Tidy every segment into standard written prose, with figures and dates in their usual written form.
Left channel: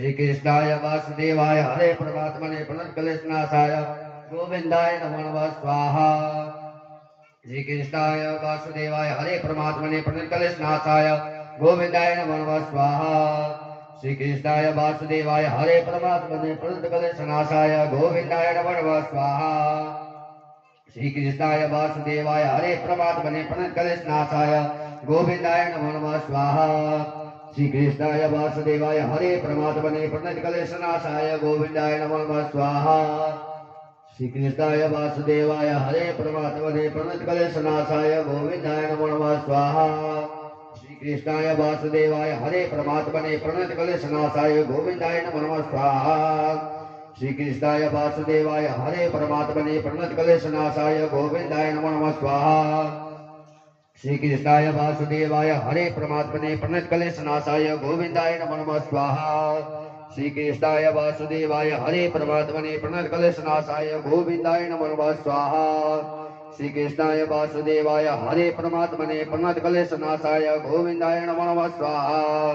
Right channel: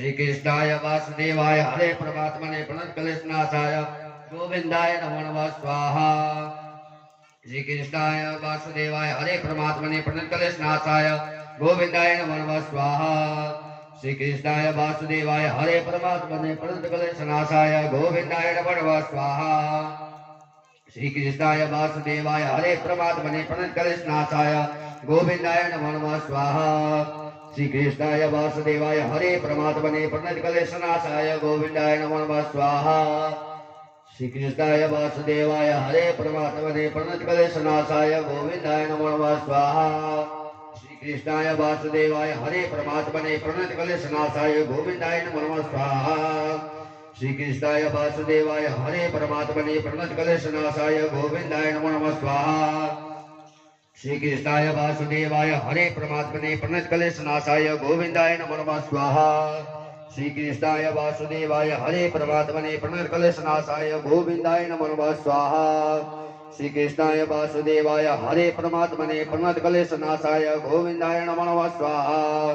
श्री कृष्णाय वासुदेवाय हरे परमात्मने प्रणतक्लेशनाशाय गोविंदाय नमो नमः स्वाहा। श्री कृष्णाय वासुदेवाय हरे परमात्मने प्रणतक्लेशनाशाय गोविंदाय नमो नमः स्वाहा। श्री कृष्णाय वासुदेवाय हरे परमात्मने प्रणतक्लेशनाशाय गोविंदाय नमो नमः स्वाहा। श्री कृष्णाय वासुदेवाय हरे परमात्मने प्रणतक्लेशनाशाय गोविंदाय नमो नमः स्वाहा। श्री कृष्णाय वासुदेवाय हरे परमात्मने प्रणतक्लेशनाशाय गोविंदाय नमो नमः स्वाहा। श्री कृष्णाय वासुदेवाय हरे परमात्मने प्रणतक्लेशनाशाय गोविंदाय नमो नमः स्वाहा। श्री कृष्णाय वासुदेवाय हरे परमात्मने प्रणतक्लेशनाशाय गोविंदाय नमो नमः स्वाहा। श्री कृष्णाय वासुदेवाय हरे परमात्मने प्रणतक्लेशनाशाय गोविंदाय नमो नमः स्वाहा। श्री कृष्णाय वासुदेवाय हरे परमात्मने प्रणतक्लेशनाशाय गोविंदाय नमो नमः स्वाहा। श्री कृष्णाय वासुदेवाय हरे परमात्मने प्रणतक्लेशनाशाय गोविंदाय नमो नमः स्वाहा। श्री कृष्णाय वासुदेवाय हरे परमात्मने प्रणतक्लेशनाशाय गोविंदाय नमो नमः स्वाहा।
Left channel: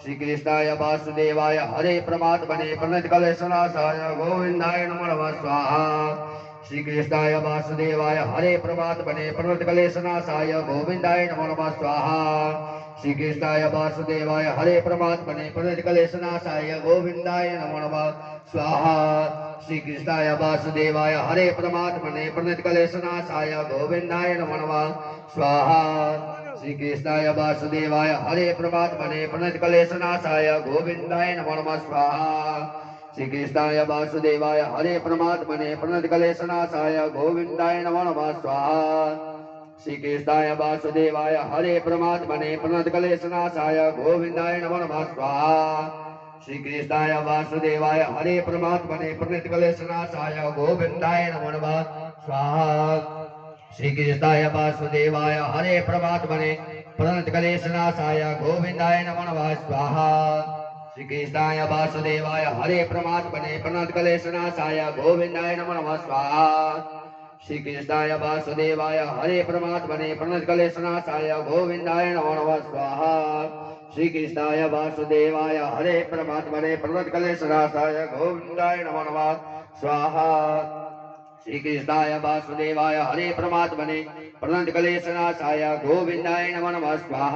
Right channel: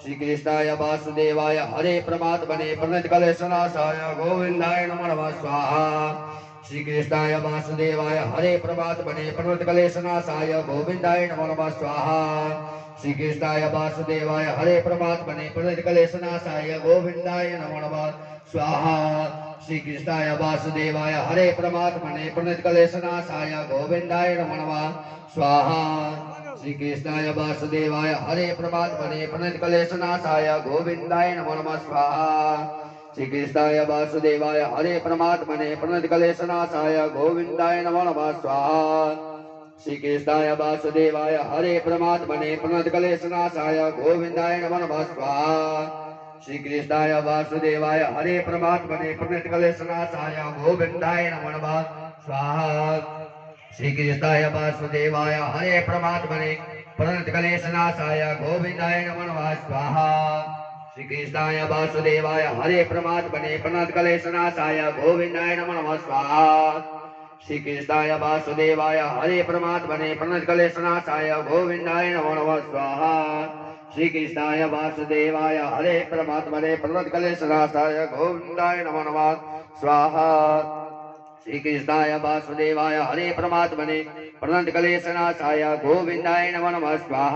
श्री कृष्णाय वासुदेवाय हरे परमात्मने प्रणतक्लेशनाशाय गोविंदाय नमो नमः स्वाहा। श्री कृष्णाय वासुदेवाय हरे परमात्मने प्रणतक्लेशनाशाय गोविंदाय नमो नमः स्वाहा। श्री कृष्णाय वासुदेवाय हरे परमात्मने प्रणतक्लेशनाशाय गोविंदाय नमो नमः स्वाहा। श्री कृष्णाय वासुदेवाय हरे परमात्मने प्रणतक्लेशनाशाय गोविंदाय नमो नमः स्वाहा। श्री कृष्णाय वासुदेवाय हरे परमात्मने प्रणतक्लेशनाशाय गोविंदाय नमो नमः स्वाहा। श्री कृष्णाय वासुदेवाय हरे परमात्मने प्रणतक्लेशनाशाय गोविंदाय नमो नमः स्वाहा। श्री कृष्णाय वासुदेवाय हरे परमात्मने प्रणतक्लेशनाशाय गोविंदाय नमो नमः स्वाहा। श्री कृष्णाय वासुदेवाय हरे परमात्मने प्रणतक्लेशनाशाय गोविंदाय नमो नमः स्वाहा। श्री कृष्णाय वासुदेवाय हरे परमात्मने प्रणतक्लेशनाशाय गोविंदाय नमो नमः स्वाहा। श्री कृष्णाय वासुदेवाय हरे परमात्मने प्रणतक्लेशनाशाय गोविंदाय नमो नमः स्वाहा। श्री कृष्णाय वासुदेवाय हरे परमात्मने प्रणतक्लेशनाशाय गोविंदाय नमो नमः स्वाहा। श्री कृष्णाय वासुदेवाय हरे परमात्मने प्रणतक्लेशनाशाय गोविंदाय नमो नमः स्वाहा। श्री कृष्णाय वासुदेवाय हरे परमात्मने प्रणतक्लेशनाशाय गोविंदाय नमो नमः स्वाहा।